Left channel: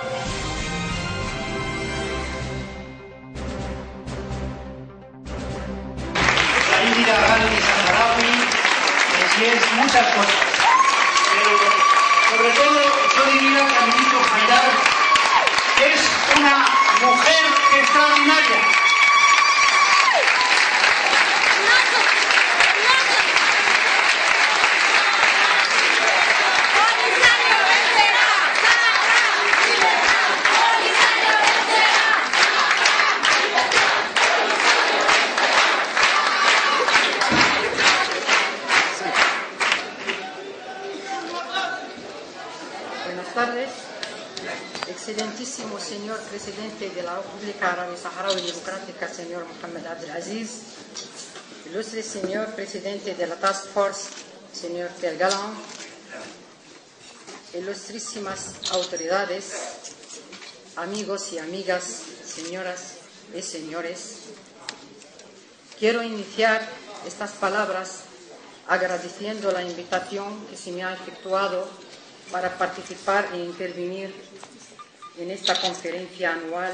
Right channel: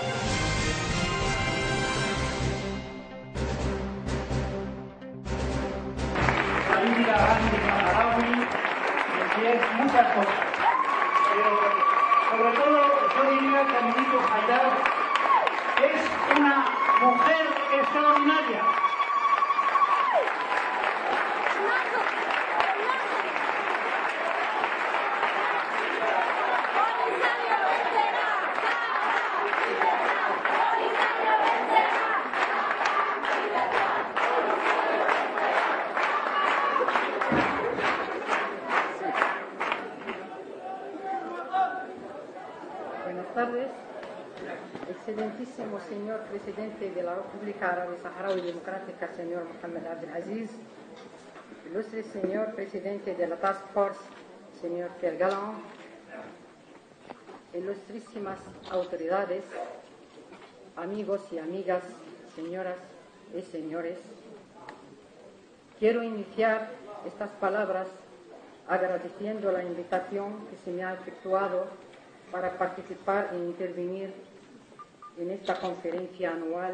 La Indira Gandhi Saharaui es muchas cosas, pero sobre todo yo diría que Aminito Haidar es una mujer extraordinaria. Buenas tardes, excelentísimo señor presidente de la República Árabe Saharaui Democrática, señor Mohamed Abdelaziz, ilustre señor presidente de la Task Force, señor Pierre Galland, ilustrísimas autoridades, amigos y amigas, señoras y señores, quiero iniciar estas palabras agradeciendo la invitación que se me ha efectuado para participar e intervenir en esta conferencia anual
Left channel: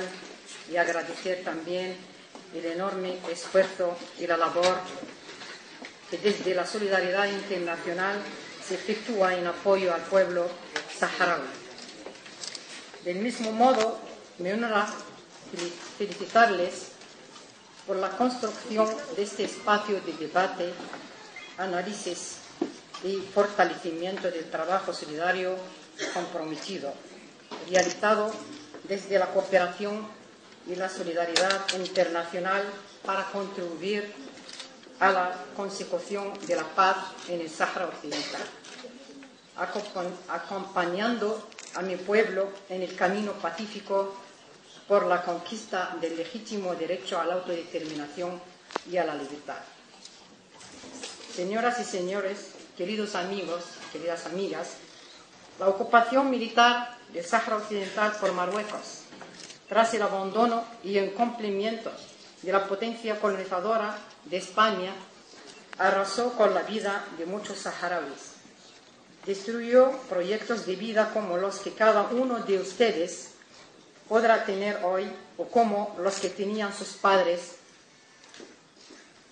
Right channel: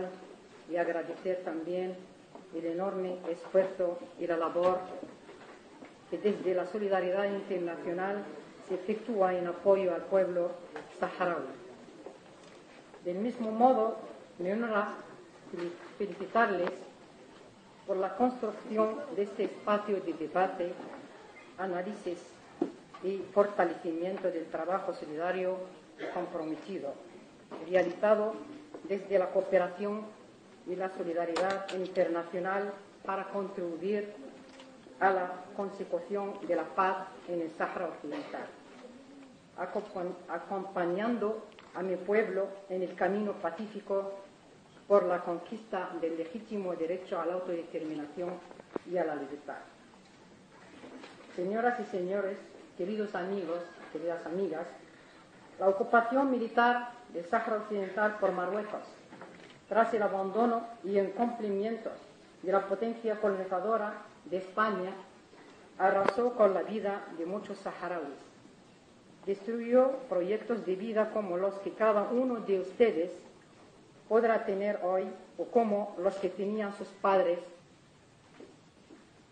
y agradecer también el enorme esfuerzo y la labor que desde la solidaridad internacional se efectúa en apoyo al pueblo saharaui. Del mismo modo, me honra felicitarles por la construcción de este espacio de debate, análisis y fortalecimiento del trabajo solidario comprometido, realizado desde la cooperación y la solidaridad internacional para contribuir a la consecución de la paz en el Sáhara Occidental, acompañando a mi pueblo en el camino pacífico por la conquista del legítimo derecho a la autodeterminación y a la libertad. Señoras y señores, queridos amigos, queridas amigas, la ocupación militar del Sáhara Occidental por Marruecos, tras el abandono y incumplimiento de la potencia colonizadora de España, arrasó con la vida de muchos saharauis. Destruyó proyectos de vida como los que cada uno de ustedes podrá tener hoy o como los que tenían sus padres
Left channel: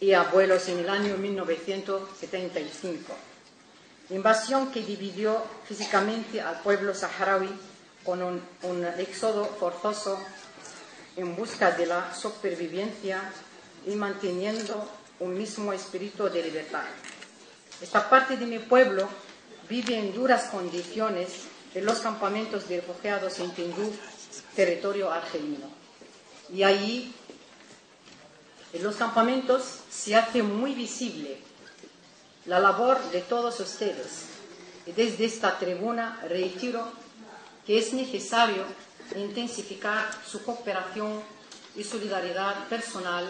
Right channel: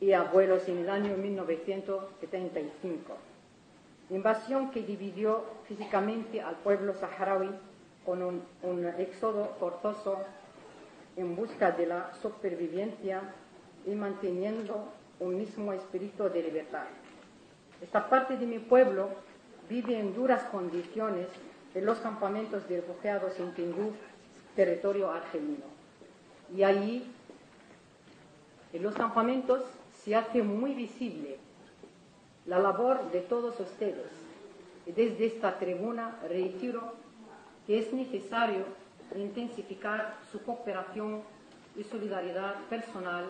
y abuelos en el año 1975. Invasión que dividió físicamente al pueblo saharaui con un éxodo forzoso en busca de la supervivencia y manteniendo un mismo espíritu de libertad. Esta parte de mi pueblo vive en duras condiciones en los campamentos de refugiados en Tindouf, territorio argelino. Y allí, en los campamentos, se hace muy visible la labor de todos ustedes. Y desde esta tribuna reitero que es necesario intensificar su cooperación y solidaridad personal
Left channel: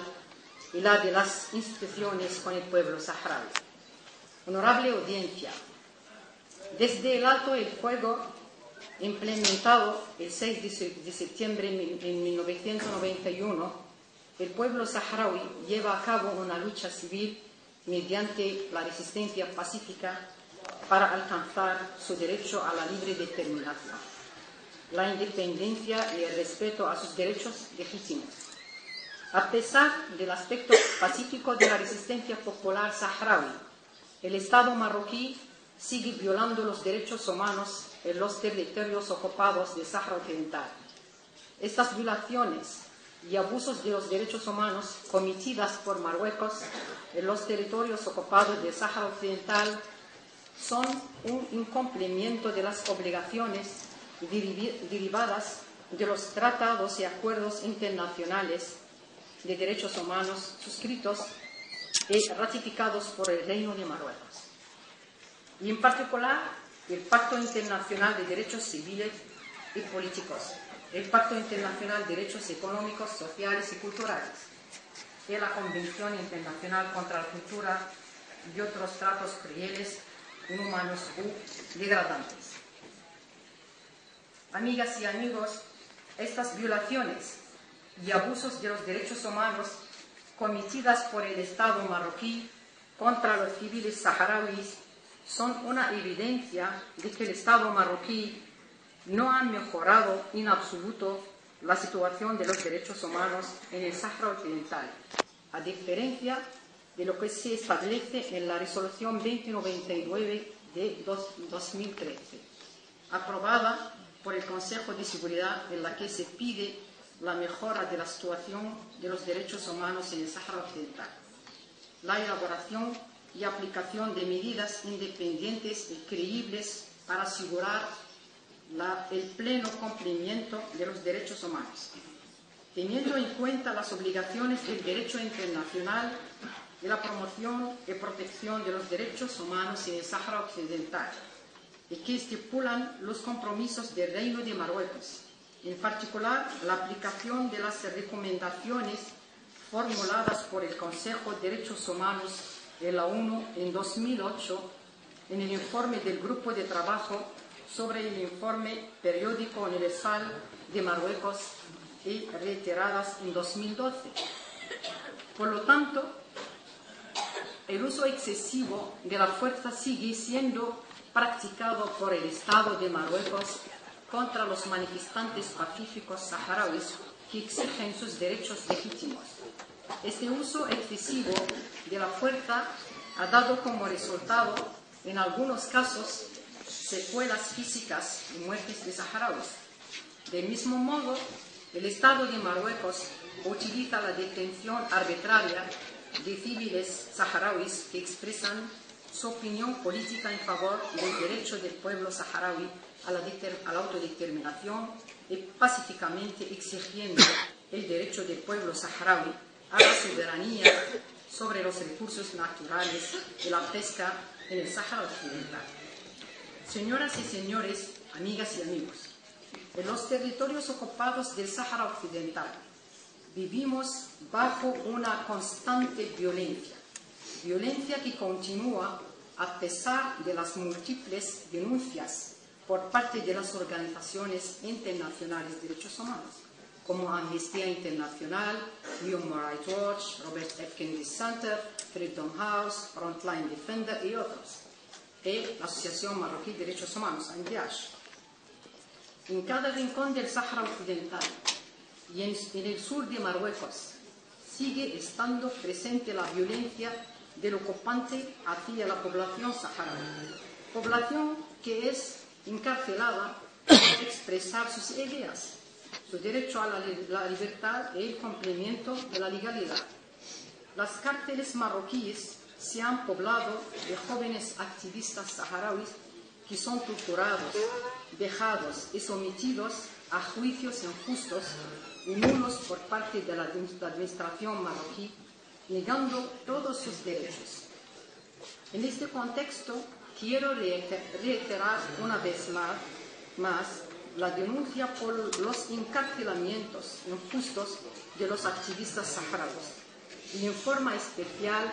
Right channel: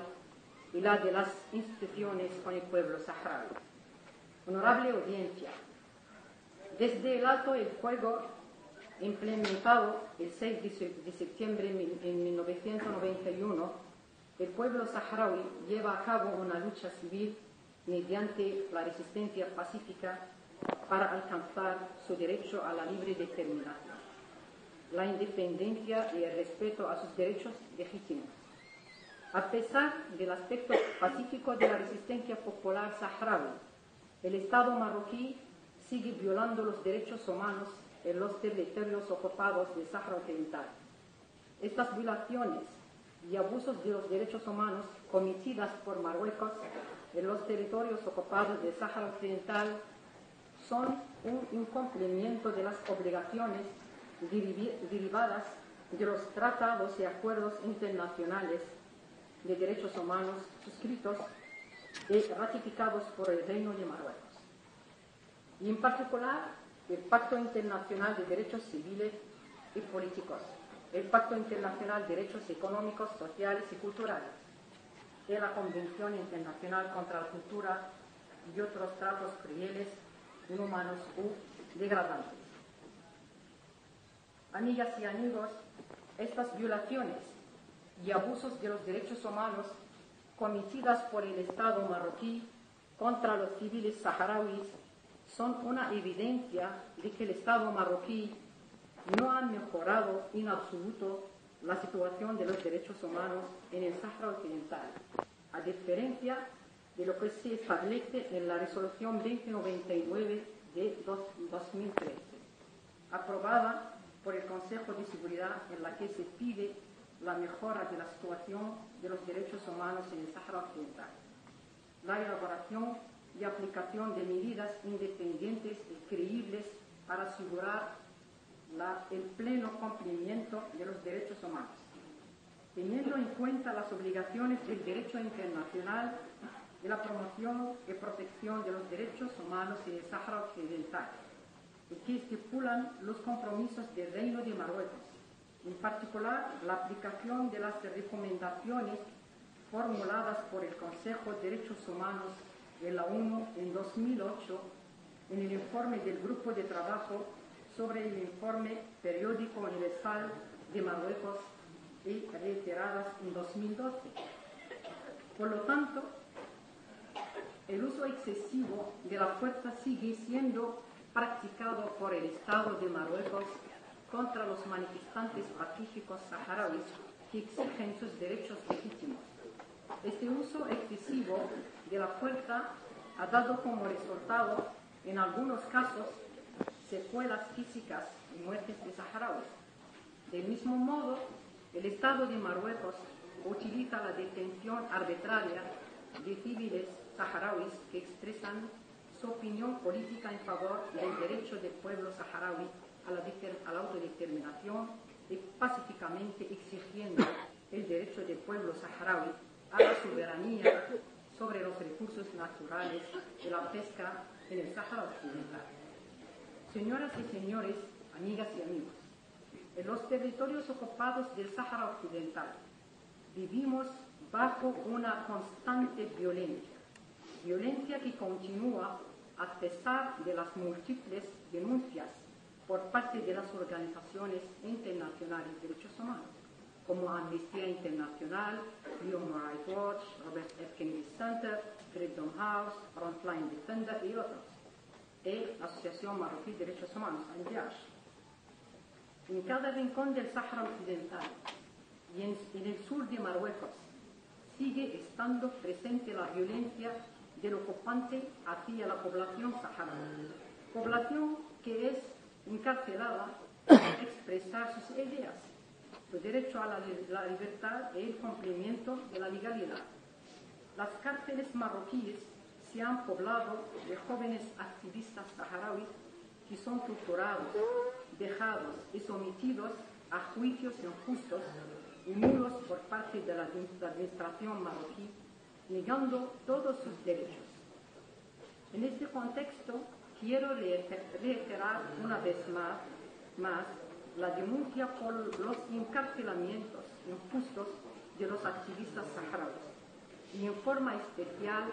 y la de las instituciones con el pueblo saharaui. Honorable audiencia, desde el alto el fuego implementado el 6 de septiembre de 1991, el pueblo saharaui lleva a cabo una lucha civil mediante la resistencia pacífica para alcanzar su derecho a la libre determinación, la independencia y el respeto a sus derechos legítimos. A pesar del aspecto pacífico de la resistencia popular saharaui, el Estado marroquí sigue violando los derechos humanos en los territorios ocupados del Sáhara Occidental. Estas violaciones y abusos de los derechos humanos cometidas por Marruecos en los territorios ocupados del Sáhara Occidental son un incumplimiento de las obligaciones derivadas de los tratados y acuerdos internacionales de derechos humanos suscritos y ratificados por el Reino de Marruecos. Y en particular, el Pacto Internacional de Derechos Civiles y Políticos, el Pacto Internacional de Derechos Económicos, Sociales y Culturales, y la Convención Internacional contra la Tortura y otros tratos crueles, inhumanos u degradantes. Amigas y amigos, estas violaciones y abusos de los derechos humanos cometidas por el Estado marroquí contra los civiles saharauis son una evidencia de que el Estado marroquí no han mejorado en absoluto la situación de los derechos humanos en el Sáhara Occidental, a diferencia de lo que se establece en la Resolución 2099 de 2013, aprobada por el Consejo de Seguridad, en la que se pide la mejora de la situación de los derechos humanos en el Sáhara Occidental, la elaboración y aplicación de medidas independientes y creíbles para asegurar el pleno cumplimiento de los derechos humanos, teniendo en cuenta las obligaciones del derecho internacional y la promoción y protección de los derechos humanos en el Sáhara Occidental, y que estipulan los compromisos del Reino de Marruecos, en particular la aplicación de las recomendaciones formuladas por el Consejo de Derechos Humanos de la ONU en 2008 en el informe del Grupo de Trabajo sobre el informe periódico universal de Marruecos y reiteradas en 2012. Por lo tanto, el uso excesivo de la fuerza sigue siendo practicado por el Estado de Marruecos contra los manifestantes pacíficos saharauis que exigen sus derechos legítimos. Este uso excesivo de la fuerza ha dado como resultado, en algunos casos, secuelas físicas y muertes de saharauis. Del mismo modo, el Estado de Marruecos utiliza la detención arbitraria de civiles saharauis que expresan su opinión política en favor del derecho del pueblo saharaui a la autodeterminación y pacíficamente exigiendo el derecho del pueblo saharaui a la soberanía sobre los recursos naturales y la pesca en el Sáhara Occidental. Señoras y señores, amigas y amigos, en los territorios ocupados del Sáhara Occidental vivimos bajo una constante violencia que continúa a pesar de las múltiples denuncias por parte de las organizaciones internacionales de derechos humanos, como Amnistía Internacional, Human Rights Watch, Robert F. Kennedy Center, Freedom House, Frontline Defender y otros, y la Asociación Marroquí de Derechos Humanos, ANDH. En cada rincón del Sáhara Occidental y en el sur de Marruecos sigue estando presente la violencia del ocupante hacia la población saharaui, población que es encarcelada por expresar sus ideas, su derecho a la libertad y el cumplimiento de la legalidad. Las cárceles marroquíes se han poblado de jóvenes activistas saharauis que son torturados, vejados y sometidos a juicios injustos y nulos por parte de la administración marroquí, negando todos sus derechos. En este contexto, quiero reiterar una vez más la denuncia por los encarcelamientos injustos de los activistas saharauis y en forma especial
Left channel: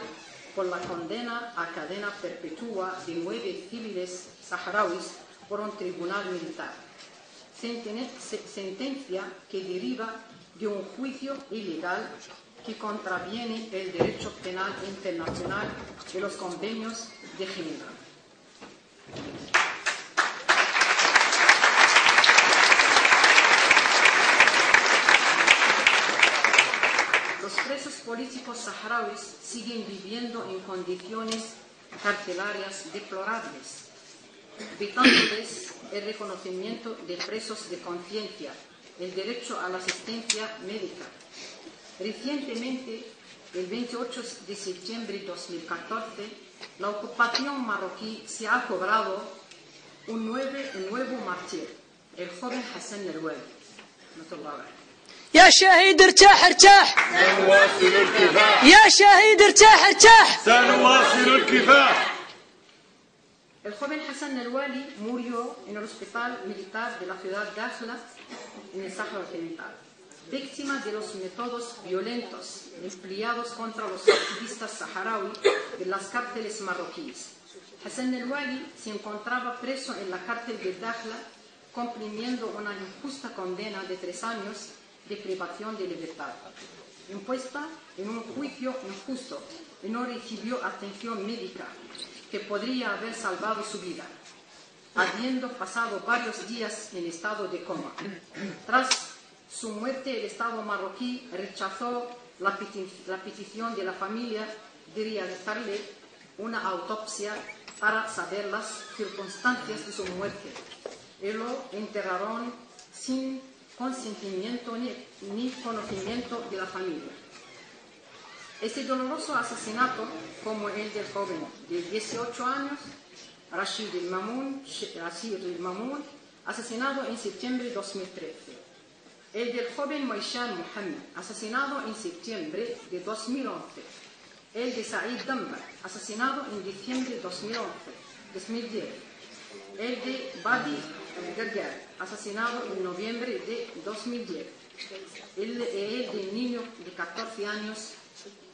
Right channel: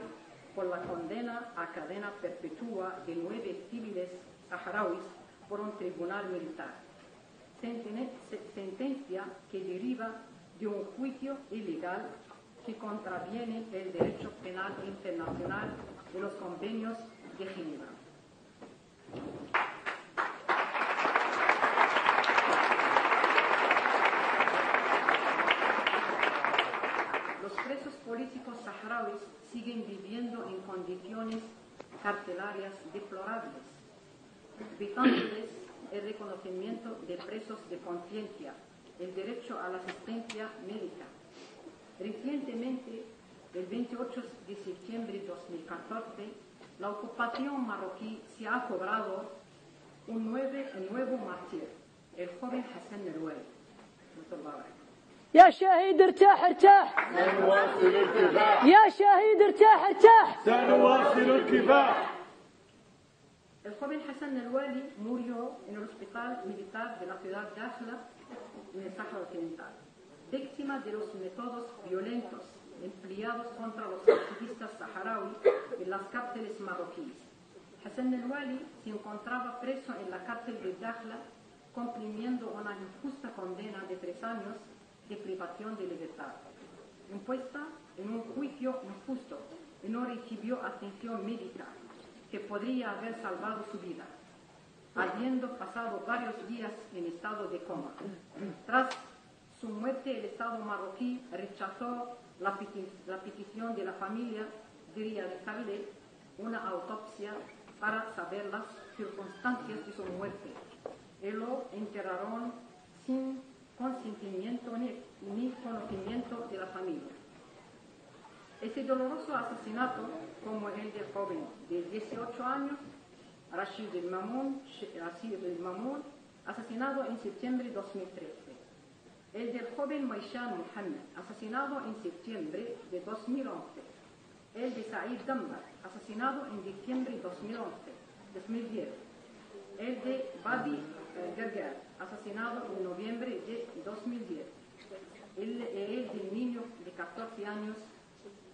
por la condena a cadena perpetua de 9 civiles saharauis por un tribunal militar, sentencia que deriva de un juicio ilegal que contraviene el derecho penal internacional de los convenios de Ginebra. Los presos políticos saharauis siguen viviendo en condiciones carcelarias deplorables, vetándoles el reconocimiento de presos de conciencia, el derecho a la asistencia médica. Recientemente, el 28 de septiembre de 2014, la ocupación marroquí se ha cobrado un nuevo mártir, el joven Hassan el-Wali. يا شهيد ارتاح ارتاح سنواصل الكفاح يا شهيد ارتاح ارتاح سنواصل الكفاح. El joven Hassan el-Wali murió en el hospital militar de la ciudad de Dakhla, en el Sáhara Occidental, víctima de los métodos violentos empleados contra los activistas saharauis en las cárceles marroquíes. Hassan el-Wali se encontraba preso en la cárcel de Dakhla, cumpliendo una injusta condena de 3 años de privación de libertad, impuesta en un juicio injusto, y no recibió atención médica que podría haber salvado su vida. habiendo pasado varios días en estado de coma. Tras su muerte, el Estado marroquí rechazó la petición de la familia de realizarle una autopsia para saber las circunstancias de su muerte y lo enterraron sin consentimiento ni conocimiento de la familia. Este doloroso asesinato, como el del joven de 18 años, Rashid el-Mamoun, asesinado en septiembre de 2013. El del joven Moishan Mohammed, asesinado en septiembre de 2011. El de Said Dambar, asesinado en diciembre de 2010. El de Badi Gargar, asesinado en noviembre de 2010. El del niño de 14 años,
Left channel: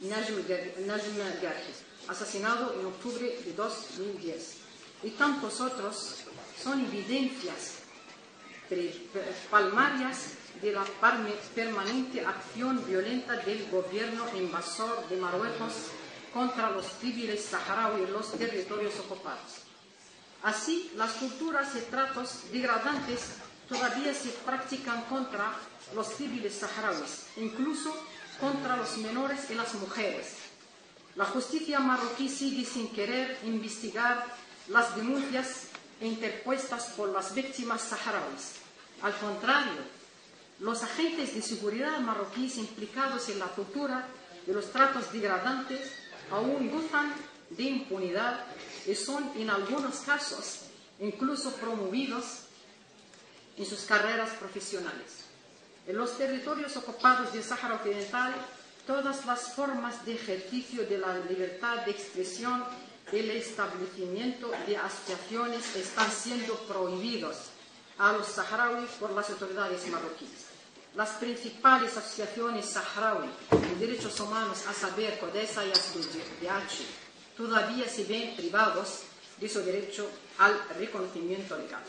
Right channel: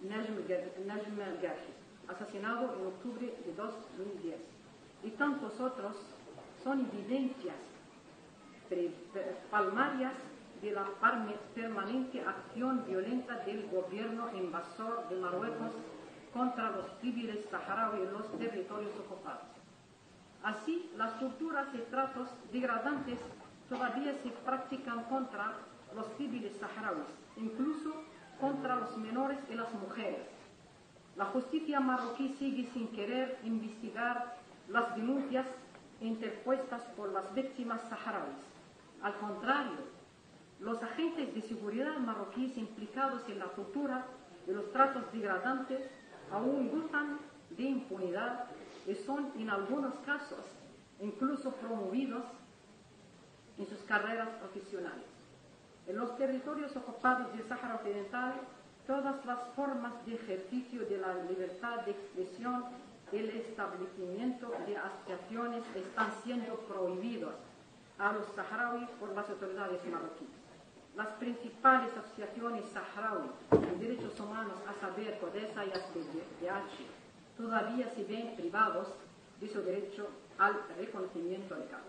Najm Garhi, asesinado en octubre de 2010. Y tantos otros son evidencias palmarias de la permanente acción violenta del gobierno invasor de Marruecos contra los civiles saharauis en los territorios ocupados. Así, las culturas y tratos degradantes todavía se practican contra los civiles saharauis, incluso contra los menores y las mujeres. La justicia marroquí sigue sin querer investigar las denuncias interpuestas por las víctimas saharauis. Al contrario, los agentes de seguridad marroquíes implicados en la tortura y los tratos degradantes aún gozan de impunidad y son, en algunos casos, incluso promovidos en sus carreras profesionales. En los territorios ocupados del Sáhara Occidental, todas las formas de ejercicio de la libertad de expresión y el establecimiento de asociaciones están siendo prohibidos a los saharauis por las autoridades marroquíes. Las principales asociaciones saharauis de derechos humanos, a saber, CODESA y ASDH, todavía se ven privados de su derecho al reconocimiento legal.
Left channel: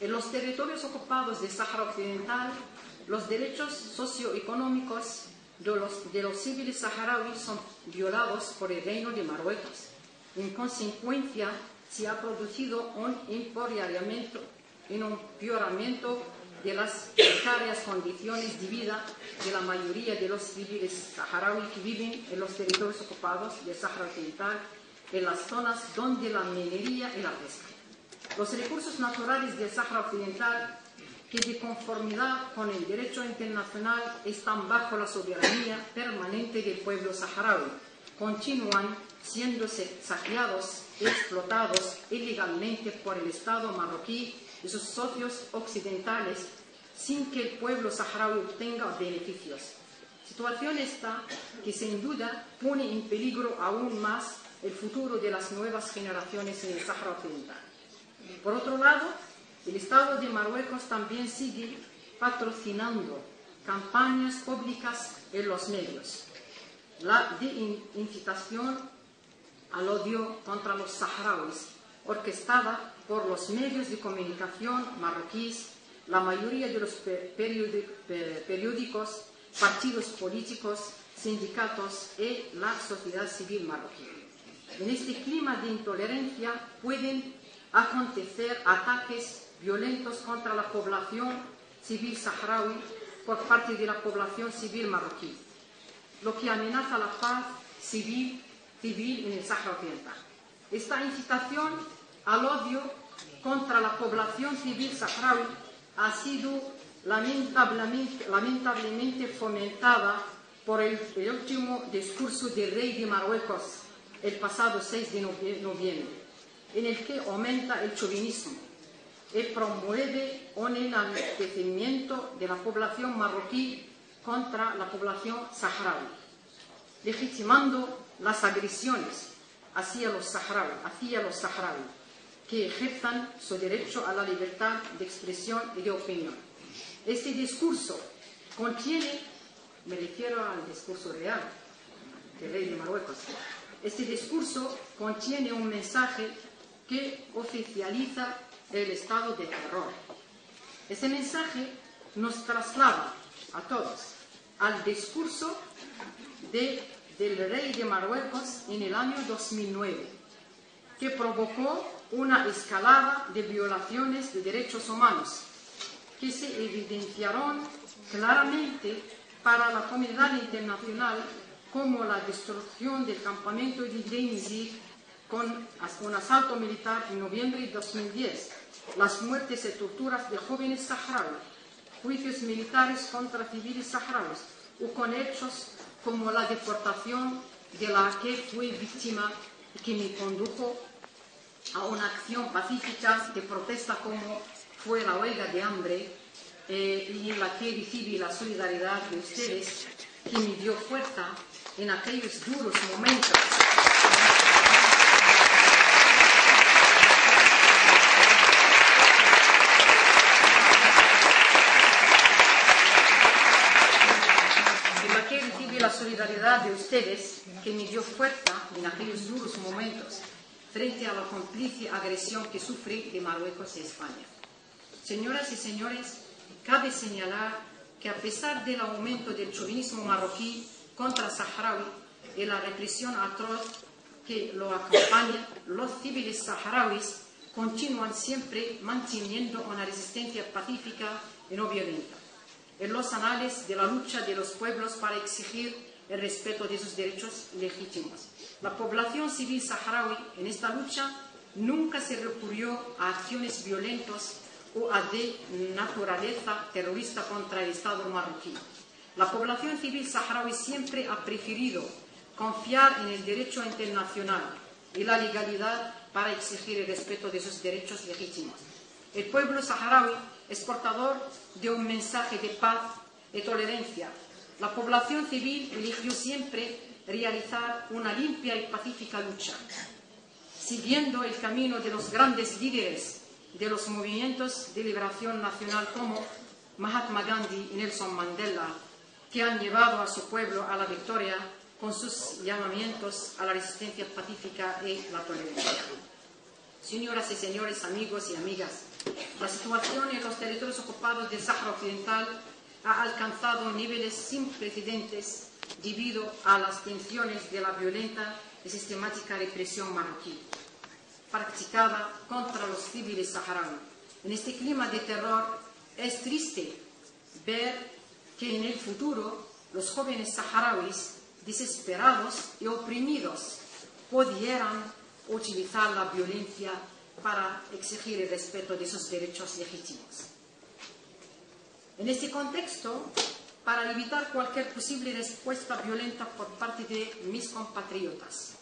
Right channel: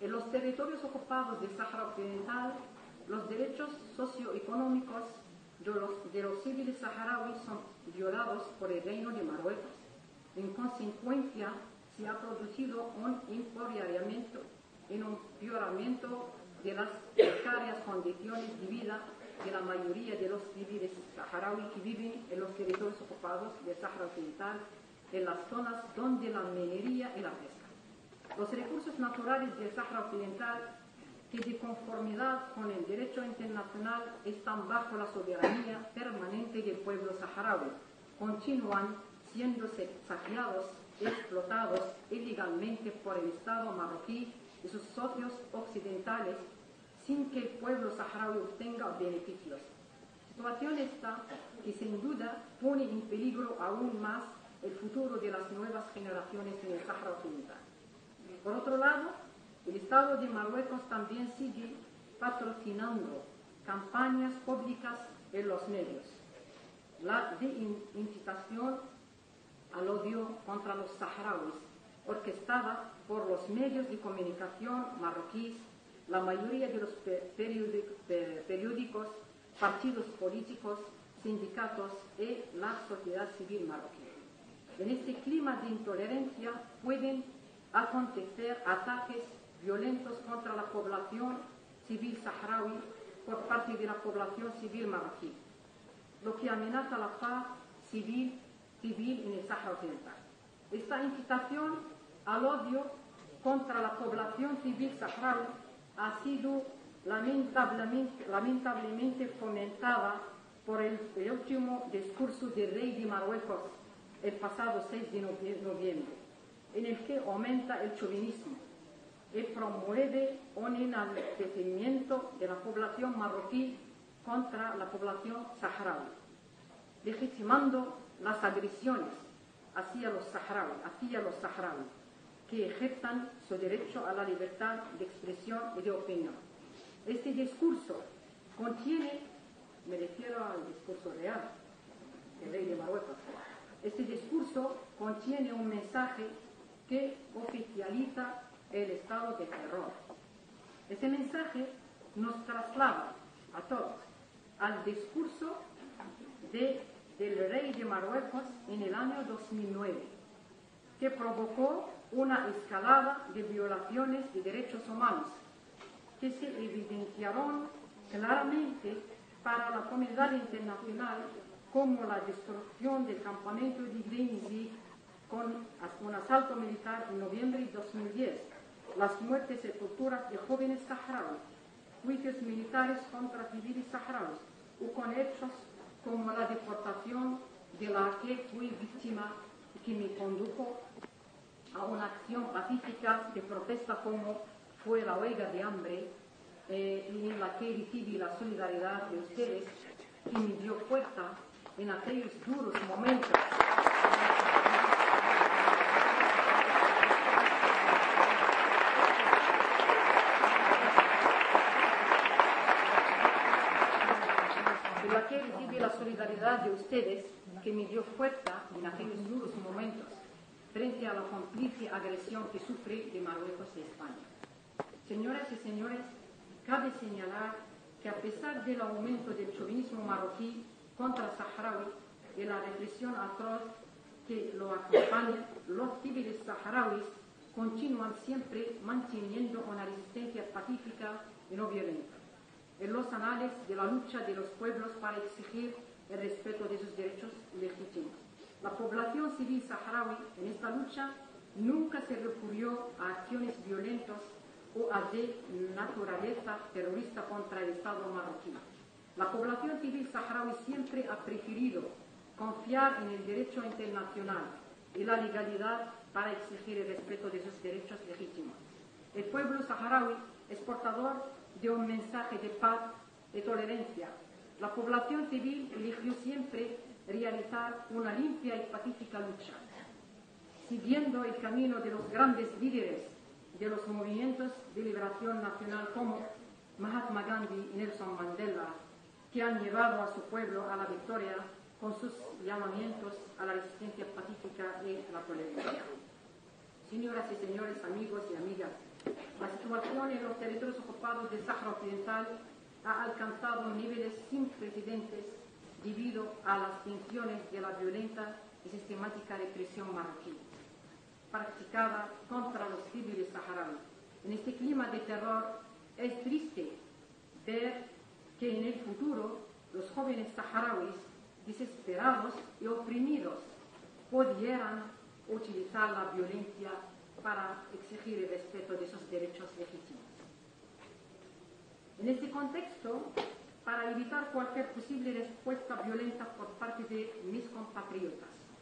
En los territorios ocupados del Sáhara Occidental, los derechos socioeconómicos de los civiles saharauis son violados por el Reino de Marruecos. En consecuencia, se ha producido un empeoramiento de las precarias condiciones de vida de la mayoría de los civiles saharauis que viven en los territorios ocupados del Sáhara Occidental, en las zonas donde la minería y la pesca. Los recursos naturales del Sáhara Occidental, que de conformidad con el derecho internacional están bajo la soberanía permanente del pueblo saharaui, continúan siendo saqueados y explotados ilegalmente por el Estado marroquí y sus socios occidentales sin que el pueblo saharaui obtenga beneficios. Situación esta que sin duda pone en peligro aún más el futuro de las nuevas generaciones en el Sáhara Occidental. Por otro lado, el Estado de Marruecos también sigue patrocinando campañas públicas en los medios. La de incitación al odio contra los saharauis, orquestada por los medios de comunicación marroquíes, la mayoría de los periódicos, partidos políticos, sindicatos y la sociedad civil marroquí. En este clima de intolerancia pueden acontecer ataques violentos contra la población civil saharaui por parte de la población civil marroquí, lo que amenaza la paz civil en el Sáhara Occidental. Esta incitación al odio contra la población civil saharaui ha sido lamentablemente fomentada por el último discurso del rey de Marruecos el pasado 6 de noviembre, en el que aumenta el chauvinismo y promueve un enaltecimiento de la población marroquí contra la población saharaui, legitimando las agresiones hacia los saharauis que ejerzan su derecho a la libertad de expresión y de opinión. Este discurso contiene, me refiero al discurso real del rey de Marruecos, este discurso contiene un mensaje que oficializa el estado de terror. Este mensaje nos traslada a todos al discurso del rey de Marruecos en el año 2009, que provocó una escalada de violaciones de derechos humanos que se evidenciaron claramente para la comunidad internacional, como la destrucción del campamento de Deir con un asalto militar en noviembre de 2010, las muertes y torturas de jóvenes saharauis, juicios militares contra civiles saharauis, o con hechos como la deportación de la que fui víctima y que me condujo a una acción pacífica de protesta como fue la huelga de hambre, y en la que recibí la solidaridad de ustedes, que me dio fuerza en aquellos duros momentos. En la que recibí la solidaridad de ustedes, que me dio fuerza en aquellos duros momentos frente a la cómplice agresión que sufrí de Marruecos y España. Señoras y señores, cabe señalar que a pesar del aumento del chauvinismo marroquí contra saharaui y la represión atroz que lo acompaña, los civiles saharauis continúan siempre manteniendo una resistencia pacífica y no violenta en los anales de la lucha de los pueblos para exigir el respeto de sus derechos legítimos. La población civil saharaui en esta lucha nunca se recurrió a acciones violentas o a de naturaleza terrorista contra el Estado marroquí. La población civil saharaui siempre ha preferido confiar en el derecho internacional y la legalidad para exigir el respeto de sus derechos legítimos. El pueblo saharaui es portador de un mensaje de paz y tolerancia. La población civil eligió siempre realizar una limpia y pacífica lucha, siguiendo el camino de los grandes líderes de los movimientos de liberación nacional como Mahatma Gandhi y Nelson Mandela, que han llevado a su pueblo a la victoria con sus llamamientos a la resistencia pacífica y la tolerancia. Señoras y señores, amigos y amigas, la situación en los territorios ocupados del Sáhara Occidental ha alcanzado niveles sin precedentes debido a las tensiones de la violenta y sistemática represión marroquí practicada contra los civiles saharauis. En este clima de terror es triste ver que en el futuro los jóvenes saharauis desesperados y oprimidos pudieran utilizar la violencia para exigir el respeto de sus derechos legítimos. En este contexto, para evitar cualquier posible respuesta violenta por parte de mis compatriotas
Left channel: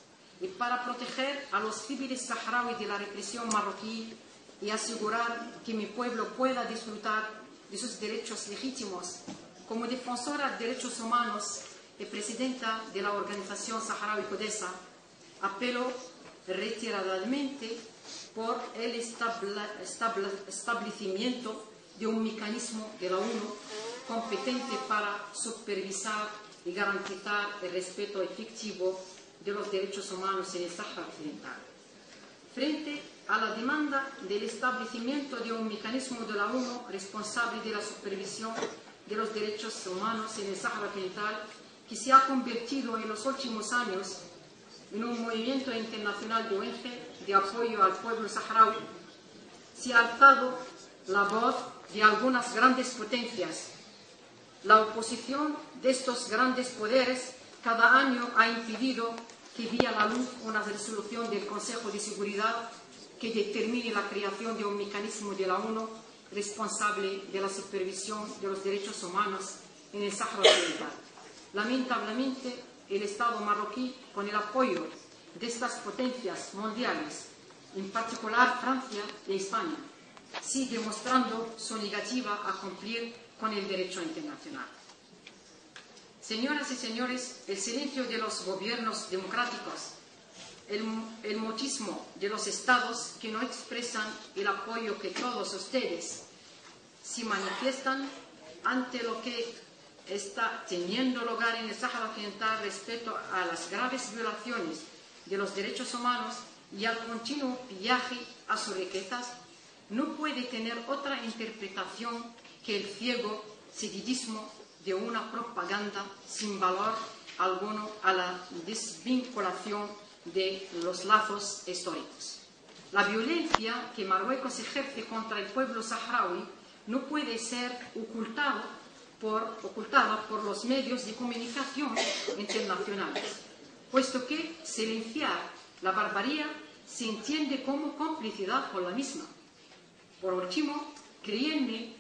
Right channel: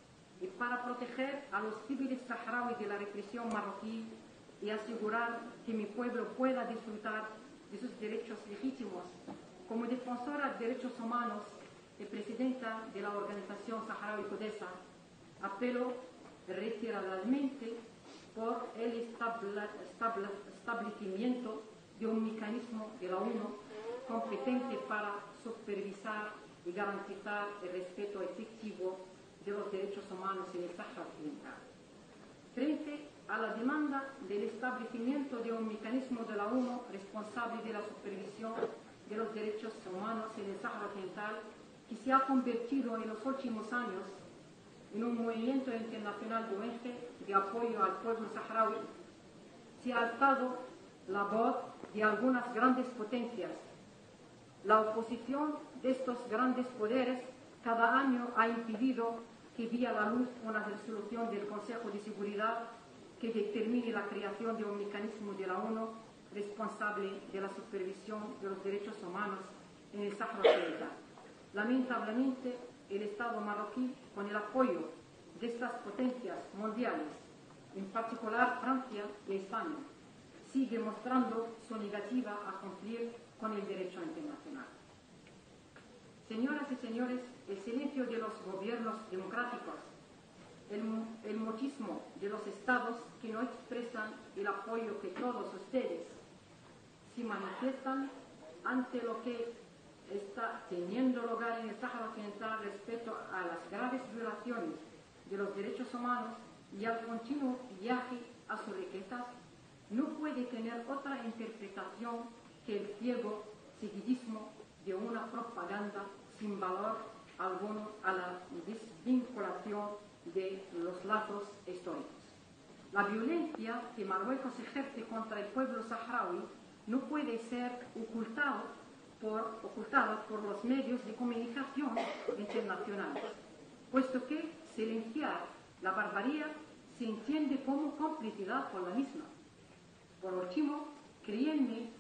y para proteger a los civiles saharauis de la represión marroquí y asegurar que mi pueblo pueda disfrutar de sus derechos legítimos, como defensora de derechos humanos y presidenta de la Organización Saharaui Codesa, apelo reiteradamente por el establecimiento de un mecanismo de la ONU competente para supervisar y garantizar el respeto efectivo de los derechos humanos en el Sáhara Occidental. Frente a la demanda del establecimiento de un mecanismo de la ONU responsable de la supervisión de los derechos humanos en el Sáhara Occidental, que se ha convertido en los últimos años en un movimiento internacional de ONG de apoyo al pueblo saharaui, se ha alzado la voz de algunas grandes potencias. La oposición de estos grandes poderes cada año ha impedido que vea la luz una resolución del Consejo de Seguridad que determine la creación de un mecanismo de la ONU responsable de la supervisión de los derechos humanos en el Sáhara Occidental. Lamentablemente, el Estado marroquí, con el apoyo de estas potencias mundiales, en particular Francia y España, sigue mostrando su negativa a cumplir con el derecho internacional. Señoras y señores, el silencio de los gobiernos democráticos, el mutismo de los estados que no expresan el apoyo que todos ustedes se manifiestan ante lo que está teniendo lugar en el Sáhara Occidental respecto a las graves violaciones de los derechos humanos y al continuo pillaje a sus riquezas, no puede tener otra interpretación que el ciego seguidismo de una propaganda sin valor alguno a la desvinculación de los lazos históricos. La violencia que Marruecos ejerce contra el pueblo saharaui no puede ser ocultada por los medios de comunicación internacionales, puesto que silenciar la barbarie se entiende como complicidad con la misma. Por último, créanme,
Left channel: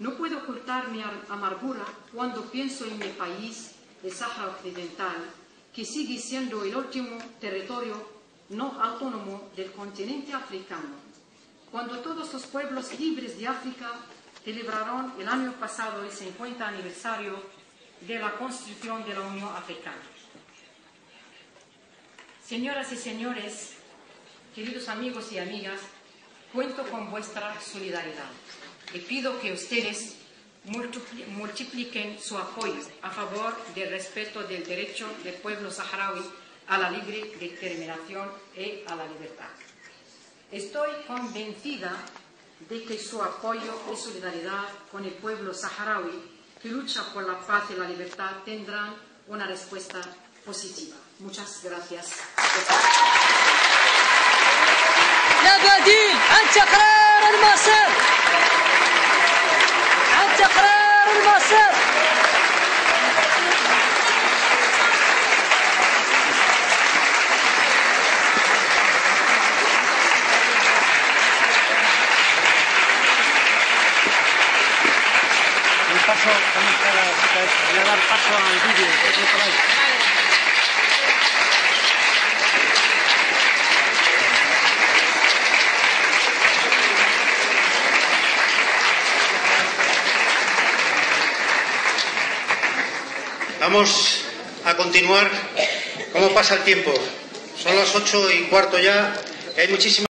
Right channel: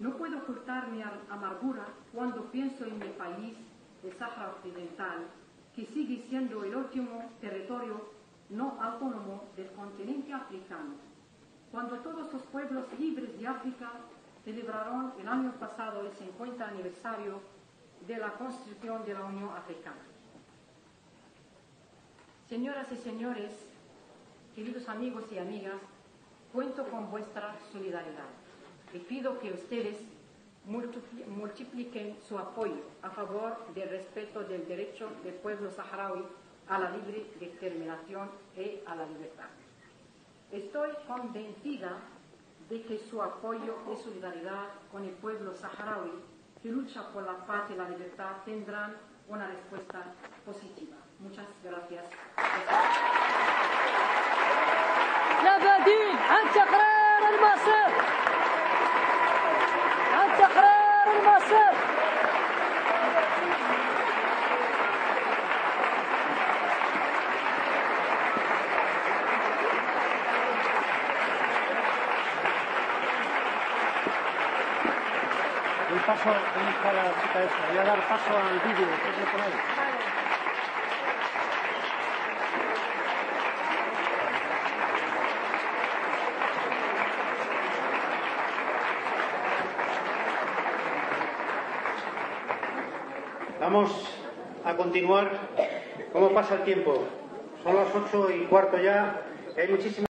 no puedo ocultar mi amargura cuando pienso en mi país, el Sáhara Occidental, que sigue siendo el último territorio no autónomo del continente africano, cuando todos los pueblos libres de África celebraron el año pasado el 50 aniversario de la Constitución de la Unión Africana. Señoras y señores, queridos amigos y amigas, cuento con vuestra solidaridad y pido que ustedes multipliquen su apoyo a favor del respeto del derecho del pueblo saharaui a la libre determinación y a la libertad. Estoy convencida de que su apoyo y solidaridad con el pueblo saharaui que lucha por la paz y la libertad tendrán una respuesta positiva. Muchas gracias. لا بديل عن تقرير المصير، عن تقرير المصير. El paso, ¿dónde está la chica esta? Voy a dar paso al vídeo. Por ahí. Vamos a continuar. ¿Cómo pasa el tiempo? Son las 8:15 ya. Hay muchísimas